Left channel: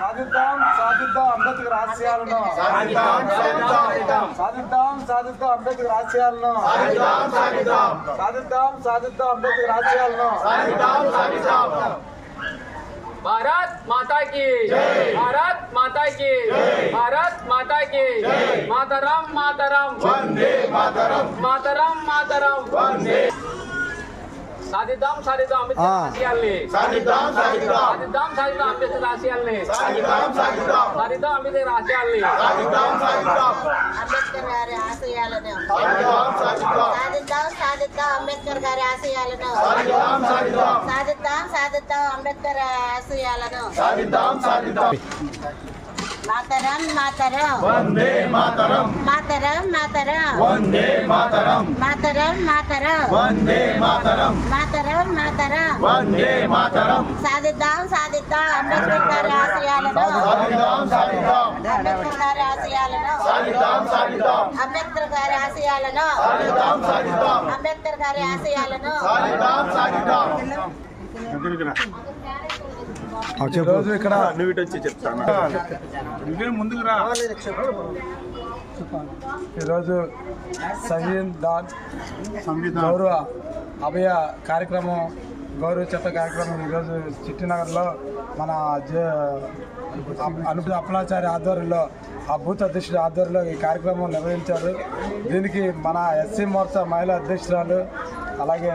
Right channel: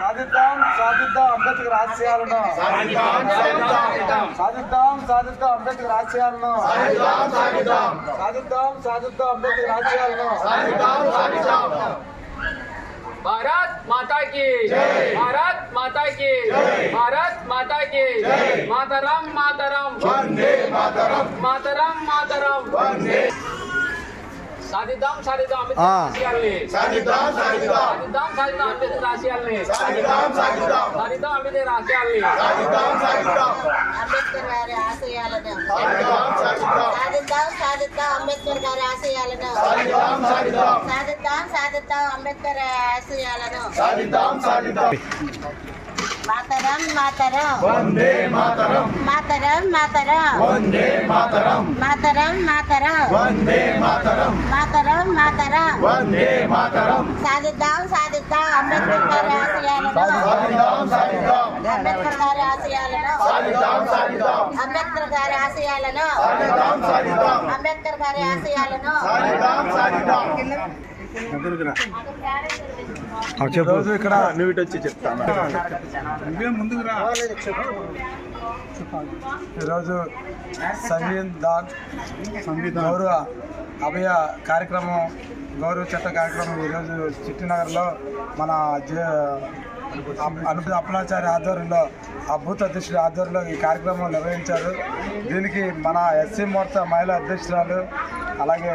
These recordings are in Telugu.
సాధిద్దాం సాధిద్దాం అంబేద్కర్ ఆశయాలను. సాధిద్దాం సాధిద్దాం. అంబేద్కర్ ఆశయాలను. సాధిద్దాం సాధిద్దాం. అంబేద్కర్ ఆశయాలను. భారత్ మాతా కి భారత్ మాతా కి భారత్ మాతా కి మాతరం మాతరం మాతరం. మాతరం మాతరం సాధిద్దాం సాధిద్దాం అంబేద్కర్ ఆశయాల్ని సాధిద్దాం సాధిద్దాం సాధిద్దాం సాధిద్దాం అంబేద్కర్ ఆశయాల్ని సాధిద్దాం సాధిద్దాం సాధిద్దాం అంబేద్కర్ ఆశయాల్ని సాధిద్దాం సాధిద్దాం అంబేద్కర్ గారి ఆశయాలను సాధిద్దాం సాధిద్దాం సాధిద్దాం సాధిద్దాం అంబేద్కర్ గారి ఆశయాలను సాధిద్దాం సాధిద్దాం సాధిద్దాం సాధిద్దాం అంబేద్కర్ ఆశయాలను సాధిద్దాం సాధిద్దాం మాతరం మాతరం. వందే మాతరం. మాతరం మాతరం. వందే మాతరం. మాతరం మాతరం. వందే మాతరం. మాతరం మాతరం. వందే మాతరం. సాధిద్దాం సాధిద్దాం. అంబేద్కర్ గారి ఆశయాలను. సాధిద్దాం సాధిద్దాం. అంబేద్కర్ గారి ఆశయాలను. సాధిద్దాం సాధిద్దాం. అంబేద్కర్ గారి ఆశయాలను. సాధిద్దాం సాధిద్దాం. అంబేద్కర్ గారి ఆశయాలను. సాధిద్దాం సాధిద్దాం. ఈరోజు ఇక్కడ నువ్వు ఇటు వచ్చి చెప్తాను నువ్వే ముందుకు రా. ఈరోజు సంవిధాన్ గౌరవ అభయ కార్యక్రమం గౌరవ చట్ట కార్యక్రమం ఈరోజు చిట్టినగర్లో మన జ- అనుపు అప్పలాచారి ఆధ్వర్యంలో ఆ బూత్ అధ్యక్షుడి ఆధ్వర్యంలో ఈ కార్యక్రమం నిర్వహించారు. దీనికి మన ఎస్సీ మోర్చా మహిళా అధ్యక్షురాలు అలాగే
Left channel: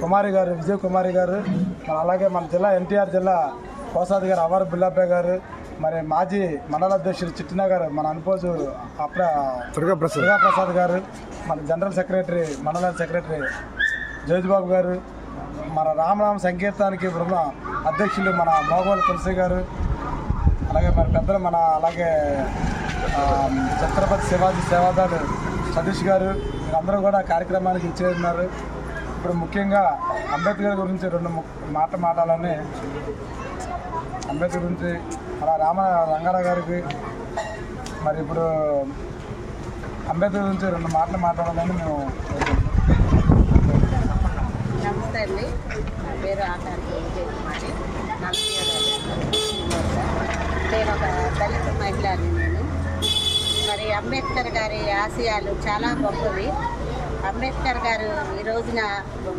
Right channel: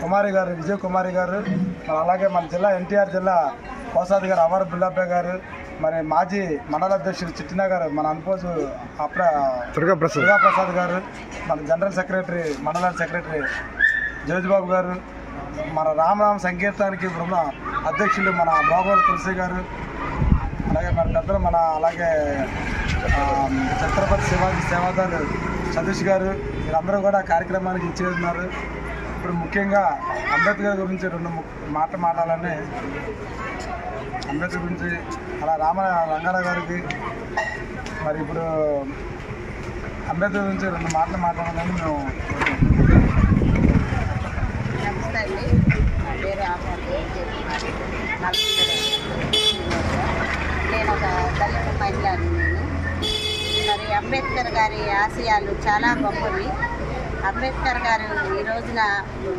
కుమారి గారు విజయ్ కుమారి గారు మరి అలాగే మన జిల్లా ఎన్టీఆర్ జిల్లా కోసాది గారు అవారు బుల్లాపే గారు మరి మాజీ మండల అధ్యక్షుడు చిట్టినగర్ మన అనుపోజు అప్ర దుర్గాప్రసాద్. గారు మన జనరల్ సెక్రటరీ మండల సెక్రటరీ జోజిబాబు గారు మన రామరామ సంకీర్తానికి బృంద అధ్యక్షులు మన మోగోలు తులసి గారు అలాగే మన పెద్దలు మన అలాగే ఛత్రపతి శివాజీ సేవాదాలు సతీష్ గారు వీరందరూ కూడా కార్యక్రమానికి ఇచ్చేస్తున్నారు ఇప్పుడు ముఖ్యంగా అంబేద్కర్ గురించి రెండు మాట మాట్లాడాలని అంబేద్కర్ గురించి అలా రామ రంగారావు గారికి మరి ఇప్పుడు అంబేద్కర్ గురించి రెండు మాటలు మాట్లాడాలని మేము నమస్తే అండి. నా పేరు ఆకార్ నేను ఒక దళిత మహిళని నేను. మరి అంబేద్కర్ గారి ఆశయాలు చాలా గొప్పవి. అంబేద్కర్ గారు ఈ రోజున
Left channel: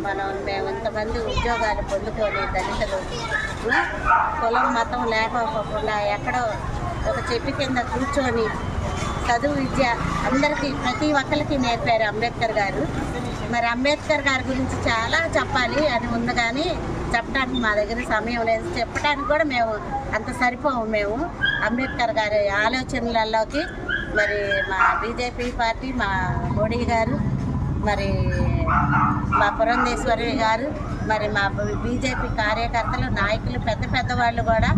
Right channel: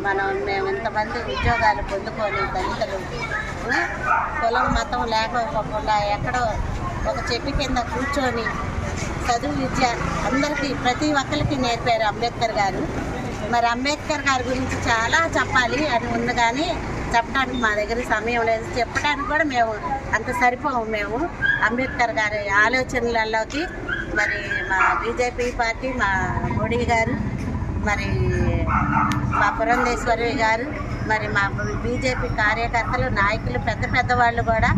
మనం మేము ఇంతమంది ఉద్యోగాలు పొందుకొని దళితులు కులం మతం లేకపోకుండా ఎక్కడో ఒక చెట్టు కింద కూర్చొని చదువు విద్య అందరికీ ప్రతి ఒక్కరికి నేర్పారు అంబేద్కర్ గారు. మరి అంబేద్కర్ గారి గురించి చాలా చెప్పాలి అని ఉంది కానీ చెప్పడానికి మా దగ్గర సమయం లేదు. చెప్పడానికి కూడా మేము అంత సరిపోము మేము అంబేద్కర్ గారి ఆలోచనలలోకి. మరి మా బీజేపీ పార్టీ మా మోడీ గారు మరి మా పురంధేశ్వరి గారు మరి మా బీజేపీ కార్యకర్తలు నాయకులు పెద్ద పెద్ద వాళ్ళు కూడా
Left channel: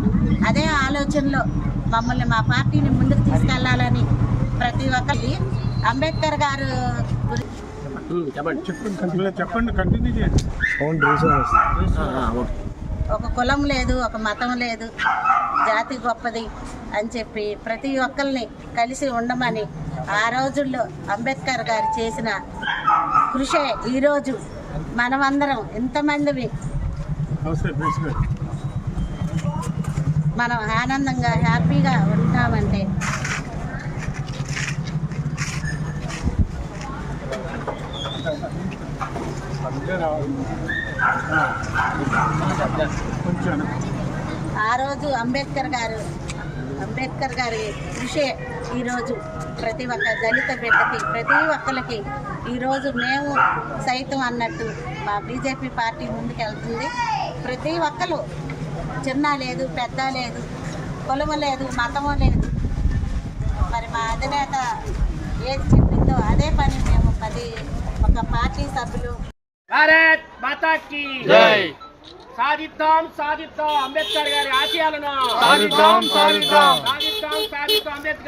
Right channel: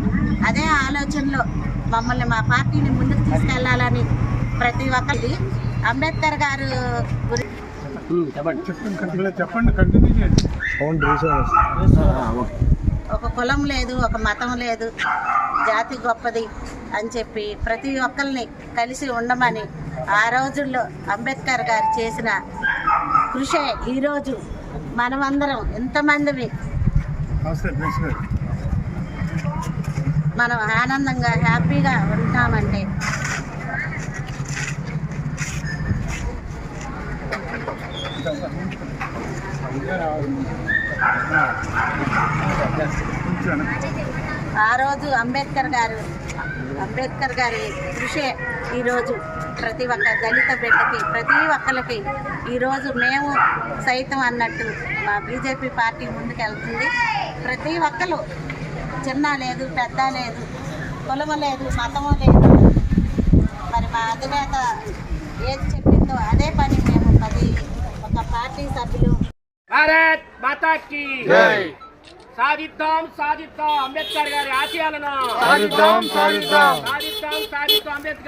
అదే ఆలోచనలో మమ్మల్ని మా పార్టీని ముందుకు తీసుకెళ్ళాలని ప్రతి ఒక్కరి అంబేద్కర్ గారు గురి ఒక కులం లేదు ఒక మతం లేదు జాతి గొప్పది అని చెప్పి ప్రతి ఒక్కరిని కలిసి ఉండమని ఆ రోజుల్లో అంబేద్కర్ గారు చేసిన కృషే ఈరోజు మనమందరం ఎంతమందివి మనం ఆనందంగా హ్యాపీగా ఉంటామంటే ఆ రోజు అంబేద్కర్ గారు అంబేద్కర్ గారి కృషే ఈరోజు. ప్రతి ఒక్క దళిత బిడ్డకి ప్రతి ఒక్కరికి ఈరోజు మేము సైతం అన్నట్టు మా బీజేపీ పార్టీ ముందుకెళ్తుంది. ప్రతి ఒక్కరు చిన్న లేదు పెద్ద లేదు కులము లేదు మతము లేదు. మరి మా అధినేత ఏది చెప్పిందో అదే పని మేము పది ఒక పార్టీ సభ్యులు. భారత్ సాధిద్దాం సాధిద్దాం అంబేద్కర్ గారి ఆశయాలను. సాధిద్దాం సాధిద్దాం. సాధిద్దాం సాధిద్దాం అంబేద్కర్